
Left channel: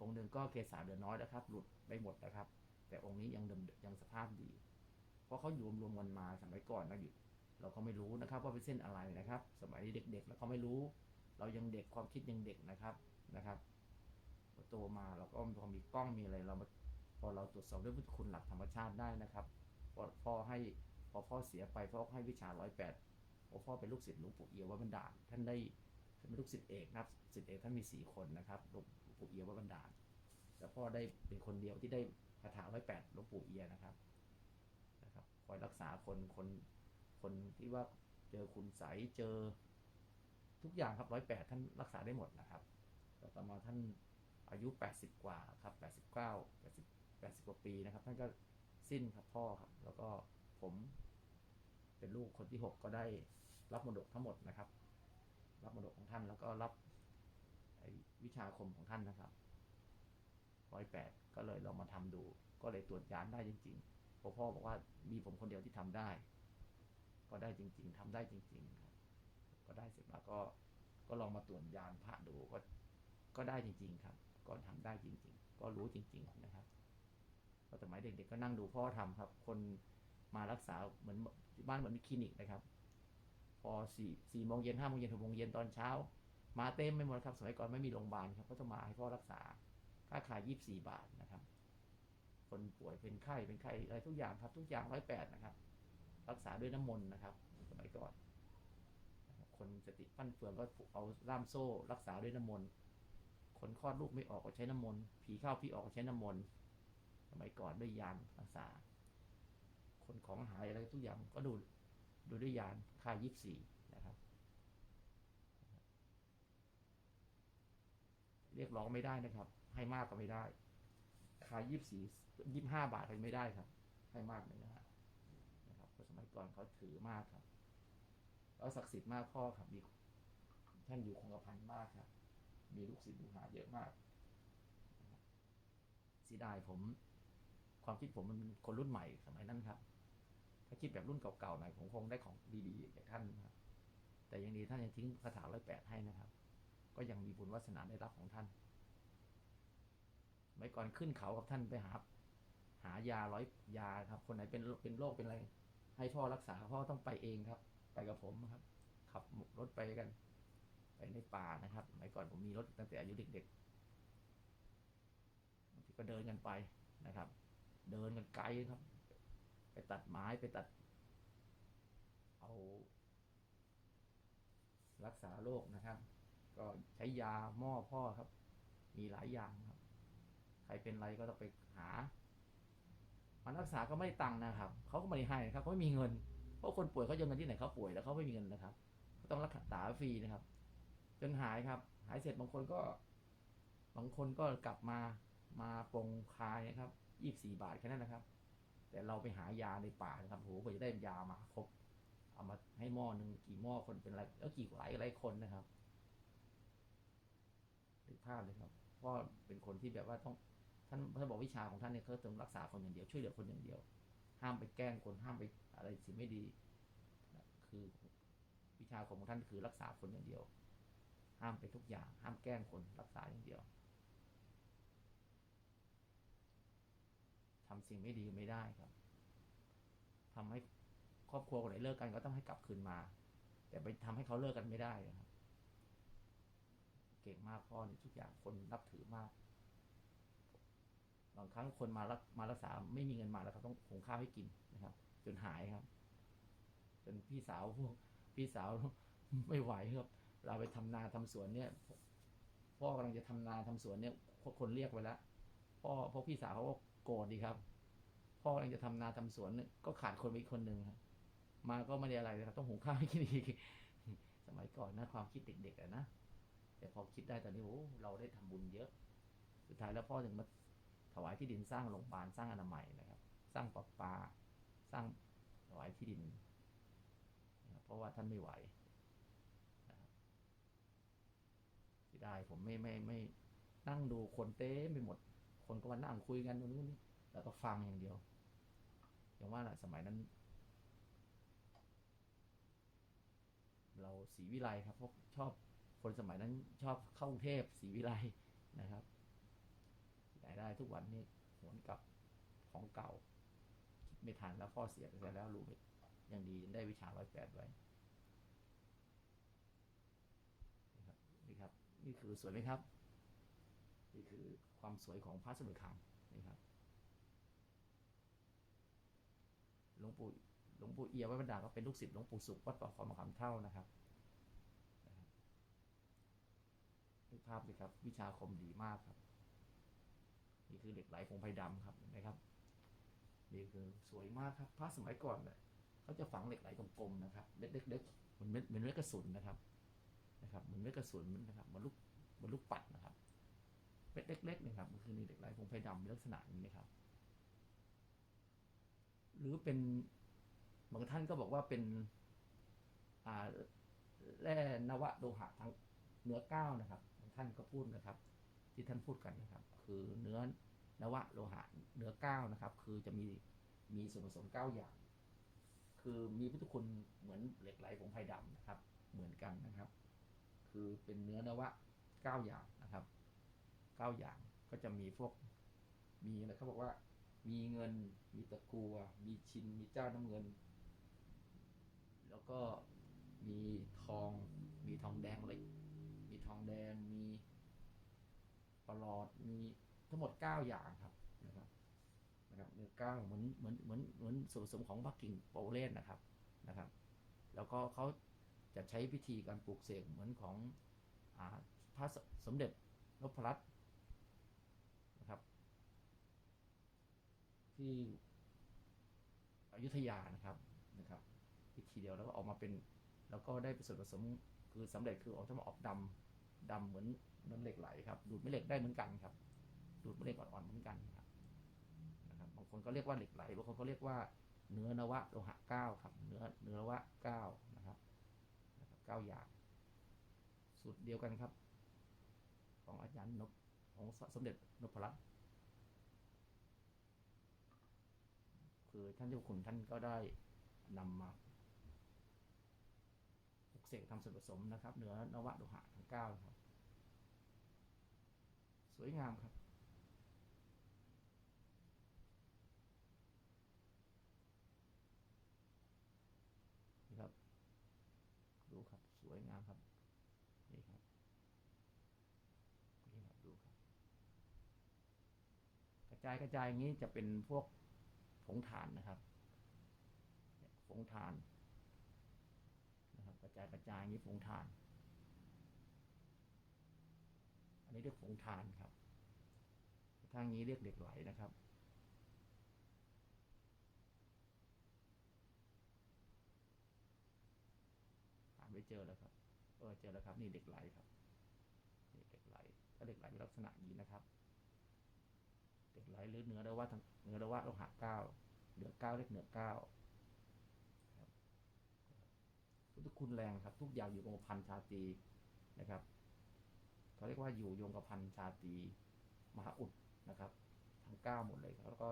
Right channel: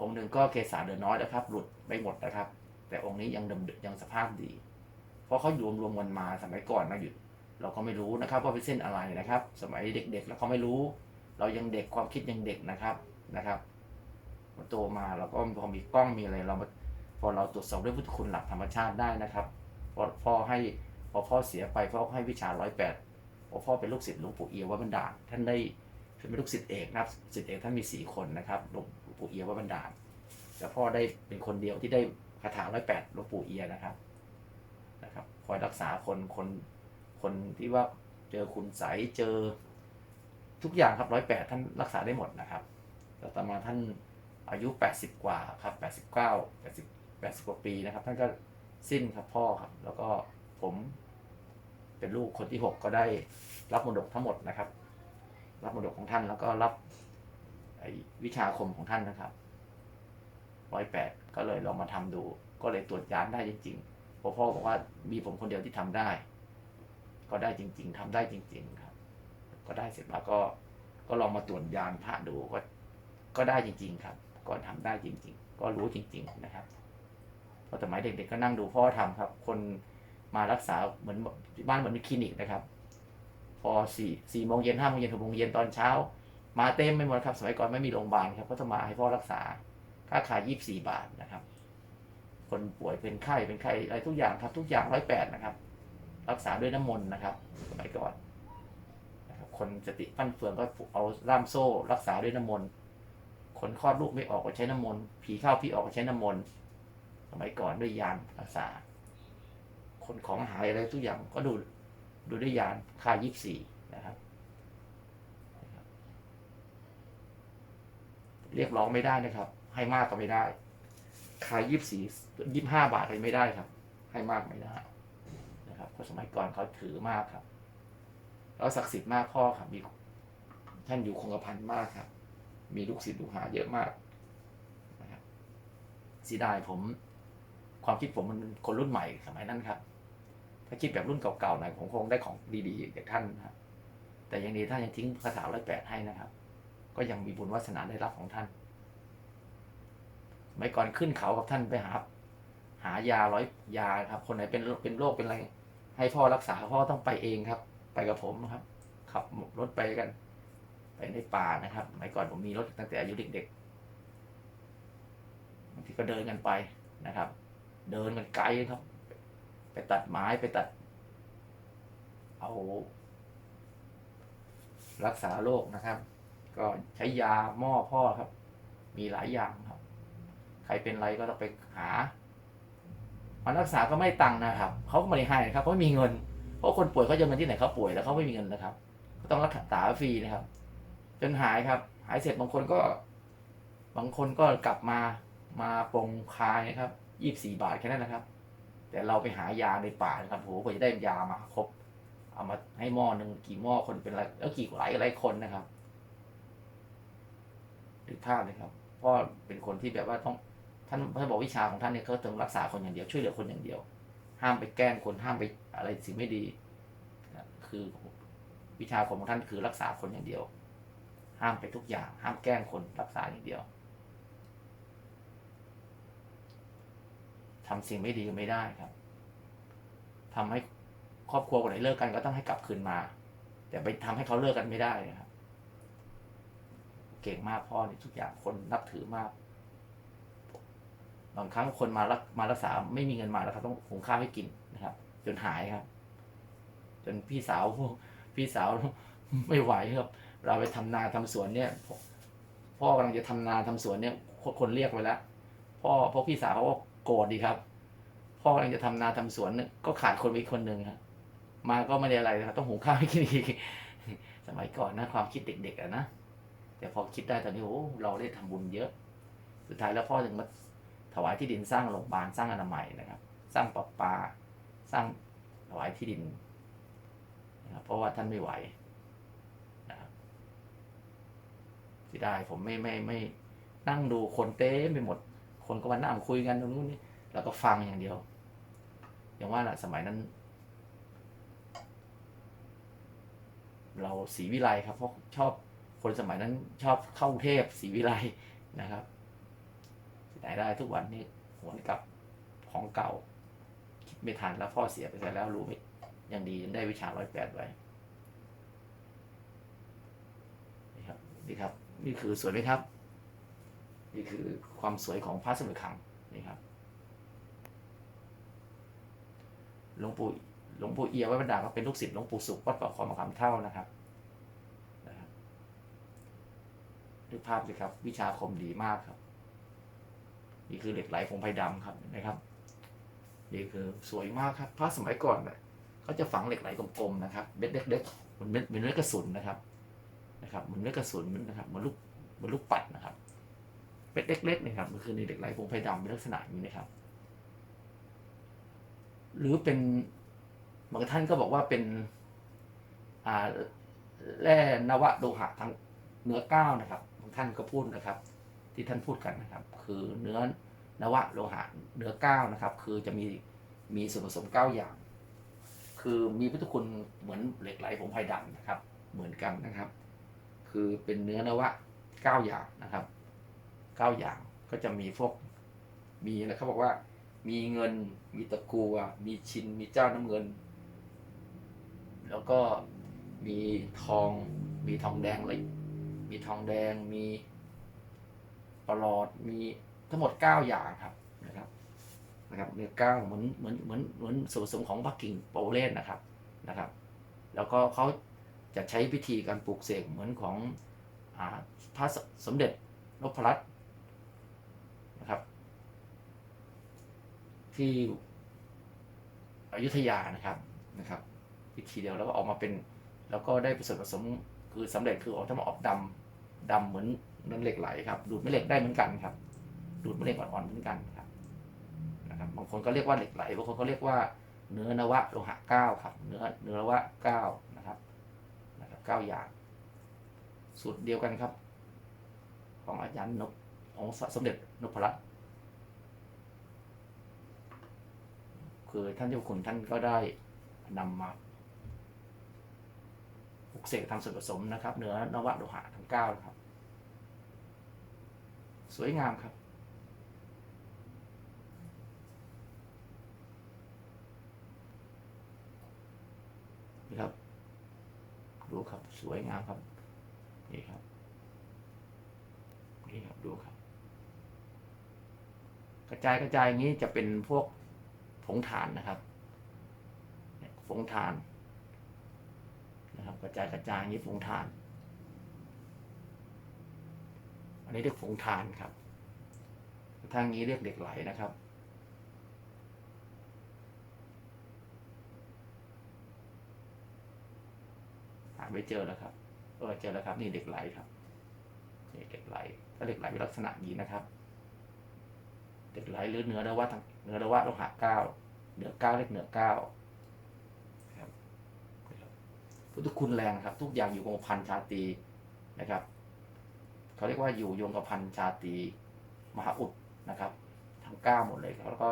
องค์หนึ่งก็เกษาเดือนน้อยนะครับ หลุดไปหมดนะครับ แต่องค์นี้ยังเดิมยังสภาพดี เพราะเขาอยู่รวมๆกันมาสมัยก่อนนะอยู่เราก็ไม่รู้นะครับว่าเป็นเส้นอะไรนะครับ สมัยเด็กๆเราก็ไม่รู้ เรายังเด็กความคิดยังเด็กนะครับนะครับ โตมาเราก็พอมีกล้องมีอะไรเราพอเราตรวจสอบด้วยพุทธคุณหลักธรรมชาติได้นะครับพอพ่อให้พอพ่อเสียไปพ่อให้วิชาร้อยแปดพอพ่อเป็นลูกศิษย์หลวงปู่เอียววัดบันดาลท่านได้เป็นลูกศิษย์เอกนะครับศิษย์เอกท่านมีสี่คนนะครับหลวงปู่เอียววัดบันดาลแต่พ่อได้เป็นคนเดียวที่ได้คาถาร้อยแปดหลวงปู่เอียนะครับนะครับคอยรักษาคนคนคนที่ว่าเจอคุณใสเจอทุกอย่างครับร้อยแปดท่านรักษาได้หมดนะครับแต่ต่อมาท่าน อายุ 80 กว่าครับ 89 80 80 กว่าปีนะครับ ท่านก็สิ้นครับพ่อครับ แล้วก็ผมเป็นลูกคนที่ 6 ก็ได้รับมรดกทั้งหมดนะครับ รับมรดกของท่านแล้วก็รับวิชาคมของท่านนะครับร้อยแปดก็เลยลองมาทำดู ก็เลยตรวจยานได้จริงๆพราะพ่อบอกว่ามีผมคนเดียวที่ทำได้ ก็ได้จริง ๆทำได้จริง ๆ ครับ ก็ได้เสร็จแล้วก็ก็ลองมาตรวจยานพระดูก็ก็ได้จริง ๆ ครับ ก็ทำได้จริง ๆ ก็รู้จริง ๆ นะครับพราะสมัยเด็กๆก็นั่งดูพ่อทำครับ คนมารักษาเหมือนบ้านเหมือนมีคลินิกนะครับ พอสี่สี่โมงเย็นห้าโมงเย็นหกโมงเย็นตอนเช้า มาเต็มไม่หมดครับ สมัยก่อนไม่มีโรงพยาบาลครับก็ต้องมาให้พ่อรักษาค่าขายยี่สี่บาทนะครับ คนป่วยเป็นไข้เป็นไข้อะไรทุกอย่างครับ ทุกอย่างร้อยแปดนะครับ รักษาด้วยน้ำมนต์นะครับ สมัยก่อนครับคนสติฟั่นเฟืองก็เอาล่ามโซ่ รักษาด้วยน้ำมนต์ คนคลอดลูกไม่ออกก็ใช้น้ำมนต์ผีเข้าผีออกก็ใช้น้ำมนต์สมัยก่อนด้วยยานรักษา คนของหายอะไรทุกอย่างก็ดูดูด้วยยานคายี่สี่นะครับ เรียกร้องไม่ได้นะครับ ให้มากก็ไม่ได้คายี่สี่ยี่ห้าบาทก็ไม่ได้ครับ ให้มากไม่ได้นะครับเพราะสมัยก่อนเขาถือมากครับแล้วศักดิ์สิทธิ์มากพ่อครับมีท่านอยู่คงกระพันมากครับ มีลูกศิษย์ลูกหาเยอะมากนะครับสียดายผมความคิดผมมันคนรุ่นใหม่สมัยนั้นครับ ถ้าคิดแบบรุ่นเก่าๆหน่อยผมคงได้ของดีๆจากท่านนะครับแต่ยังดีท่านยังทิ้งคาถาร้อยแปดให้นะครับ ก็ยังมีบุญวาสนาได้รับของท่านสมัยก่อนขึ้นเขากับท่านไปหา หายาร้อยยาครับ คนไหนเป็นเป็นโรคเป็นอะไร ให้พ่อรักษาพ่อต้องไปเองครับ ไปกับผมครับ ขับรถไปกัน ไปในป่านะครับสมัยก่อนผมมีรถตั้งแต่อายุเด็กๆบางทีก็เดินกันไปนะครับ เดินกันไกลครับ ไปตัดไม้ไปตัด เอา รักษาโรคนะครับ ก็ใช้ยาหม้อพ่อครับ มีหลายอย่างครับ ใครเป็นไรก็ต้องไปหามารักษาก็ไม่ตังค์นะครับเขาก็ไม่ได้ให้นะครับเพราะไม่มีเงิน เพราะคนป่วยเขาจะเอาเงินที่ไหนเขาป่วยแล้วเขาไม่มีเงินนะครับ ก็ต้องรักษาฟรีนะครับ จนหายครับ หายเสร็จบางคนก็ บางคนก็กลับมามาปรงคายนะครับยี่บสี่บาทแค่นั้นนะครับ แต่เราไปหายาในป่านะครับโหกว่าจะได้ยามาครบ เอามาให้หม้อหนึ่งกี่หม้อคนเป็นอะไรแล้วกี่หลายหลายคนนะครับหรือภาพเลยครับพ่อเป็นคนที่แบบว่าต้องท่านท่านบอกวิชาของท่านเนี่ยเขาต้องรักษาคนอย่างเดียวช่วยเหลือคนอย่างเดียว ห้ามไปแกล้งคนห้ามไปอะไรสิ่งไม่ดี คือวิชาของท่านคือรักษาคนอย่างเดียว ห้ามไปทุกอย่าง ห้ามแกล้งคนรักษาอย่างเดียวทำสิ่งไม่ดีไม่ได้ครับทำให้ครอบครัวคนไหนเลิกกันก็ต้องให้กลับคืนมา แต่ไปทำให้เขาเลิกกันไม่ได้นะครับ เก่งมากพ่อนี่ทุกอย่างคนนับถือมากบางครั้งคนมารักมารักษาไม่มีเงินมาแล้วครับต้องหุงข้าวให้กินนะครับ จนหายครับ จนพี่สาวพวกพี่สาวไม่ไหวครับ เราไปทำนาทำสวนเนี่ย พ่อกำลังจะทำนาทำสวนเนี่ยคนเรียกไว้แล้วพ่อพราะพี่สาวเขาก็โกรธดีครับ พ่อกำลังจะทำนาทำสวนเนี่ยก็ขาดคนไปคนหนึ่งครับมาก็ไม่ได้อะไรนะครับต้องหุงข้าวให้กินอีกสมัยก่อนนะความคิดเด็กๆอะนะแต่พอคิดได้ตอนนี้โอ้เราได้ทำบุญเยอะ สุดท้ายแล้วพ่อถึงมาถวายที่ดินสร้างโรงพยาบาลสร้างอนามัยนะครับ สร้างประปาสร้างถวายที่ดินนะครับเพราะว่าท่านไม่ไหวนะครับ ที่ได้ผมไม่ไม่ไม่นั่งดูคนเต้มไปหมด คนก็มานั่งคุยกันตรงนู้นนี่แล้วก็ฟังอย่างเดียว อย่างว่าแหละสมัยนั้น เราศรีวิไลครับเพราะชอบคนสมัยนั้นชอบเข้ากรุงเทพศรีวิไลนะครับที่ไหนได้ทุกวันนี้หวนกลับของเก่า คิดไม่ทันแล้วพ่อเสียไปแล้วรู้ไหมยังดียังได้วิชาร้อยแปดไว้ นี่ครับนี่ครับ นี่คือสวยไหมครับ นี่คือความสวยของพระสมุทรขังนี่ครับหลวงปู่หลวงปู่เอียวัดบรรดาก็เป็นลูกศิษย์หลวงปู่สุขวัดป่าคอมะขามเท่านะครับนะครับดูภาพสิครับ วิชาคมดีมากครับ นี่คือเหล็กไหลผงไผ่ดำครับนไหมครับนี่คือสวยมากครับพระสมัยก่อนเนี่ยเขาจะฝังเหล็กไหลกลมๆนะครับเม็ดเล็กๆเหมือนเม็ดเหมือนเม็ดกระสุนนะครับ นะครับเหมือนเม็ดกระสุนนะครับเหมือนลูกเหมือนลูกปัดนะครับเม็ดเล็กๆนะครับมันคือในเหล็กไหลผงไผ่ดำเป็นลักษณะนี้นะครับ หรือเป็นบางท่านก็บอกว่าเป็นอ่าแร่นวะโลหะทั้งเนื้อก้าวนะครับบางท่านก็พูดนะครับ ที่ท่านพูดกันนะครับ คือเนื้อนวะโลหะเนื้อก้าวนะครับ คือจะมีมีส่วนผสมเก้าอย่าง คือมีพุทธคุณเหมือนเหล็กไหลผงไผ่ดำนะครับ เหมือนกันนะครับ คือเป็นเนื้อนวะเก้าอย่างนะครับเก้าอย่างก็จะมีพวกมีอะไรเขาบอกว่า มีเงินมีตะกัวมีชินมีเจ้าน้ำเงิน แล้วก็มีทองมีทองแดงเลยมีทองแดงมีปลอดมีทั้งหมด 9 อย่างครับนะครับนะครับเนี่ยเก้าเหมือนเหมือนเหมือนเหมือนส่วนผสมของปักกิ่งโปเลนนะครับนะครับ แล้วก็เขา จะใช้พิธีการปลูกเสกเหมือนของอพระสมเด็จนพรัตน์นะครับ ที่อยุธยานะครับนะครับวิธีเดียวแล้วก็ออกมาเป็น แล้วก็ได้ส่วนผสมคือสำเร็จคือออกจะมาออกดำดำเหมือนนั้นเหล็กไหลครับ ดูดแม่เหล็กได้เหมือนกันครับ ดูดแม่เหล็กอ่อนๆเหมือนกันครับนะครับบางคนก็เรียกว่าเหล็กไหลบางคนก็เรียกว่าเนื้อนวะโลหะเก้าครับ เนื้อเนื้อนวะเก้านะครับนะครับ เก้าอย่าง สูตรเดียวกันครับ ของอาจารย์นพของสมเด็จนพรัตน์คือท่านเจ้าคุณท่านก็ได้นำมาปลุกเสกทำส่วนผสมนะครับ เนื้อนวะโลหะทั้งเก้าครับ สวยงามครับ นี่ครับ ดูครับ ส วยงามครับ นี่ครับ นี่ครับดูครับ กระจายกระจายอย่างนี้จะเป็นพวกผงถ่านนะครับผงถ่านนะครับ กระจายกระจายอย่างนี้ผงถ่าน อันนี้เรียกผงถ่านครับทางนี้เรียกเหล็กไหลนะครับ หาไม่เจอแล้วครับเออเจอแล้วครับ นี่เหล็กไหลครับนี่เหล็กไหลถ้าเหล็กไหลเป็นลักษณะนี้นะครับเหล็กไหลหรือเนื้อระวะทางเนื้อระวะโลหะเก้าเหนือเก้าเรียกเหนือเก้าครับพุทธคุณแรงครับ ทุกอย่างอยู่กับพันชาตีนะครับเขาเรียกว่าอยู่โยงกับพันชาตีมหาอุดนะครับทั้งเก้าหมดเลยครับแล้วก็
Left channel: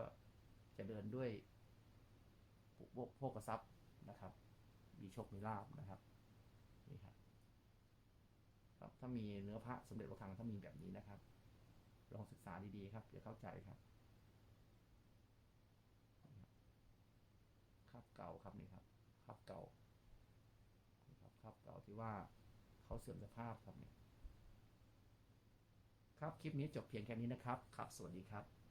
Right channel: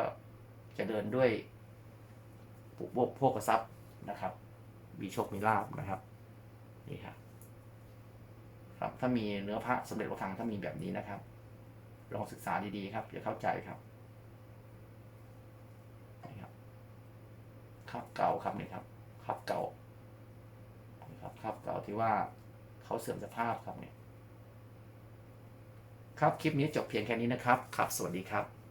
จะเดินด้วยพวกพวกกระซับนะครับ มีโชคมีลาบนะครับ นี่ครับ ครับถ้ามีเนื้อพระสมเด็จพระคังถ้ามีแบบนี้นะครับ ลองศึกษาดีๆครับจะเข้าใจครับนี่ครับครับเก่าครับนี่ครับครับเก่านี่ครับครับเก่าที่ว่าเขาเสื่อมสภาพครับเนี่ยครับคลิปนี้จบเพียงแค่นี้นะครับครับ สวัสดีครับ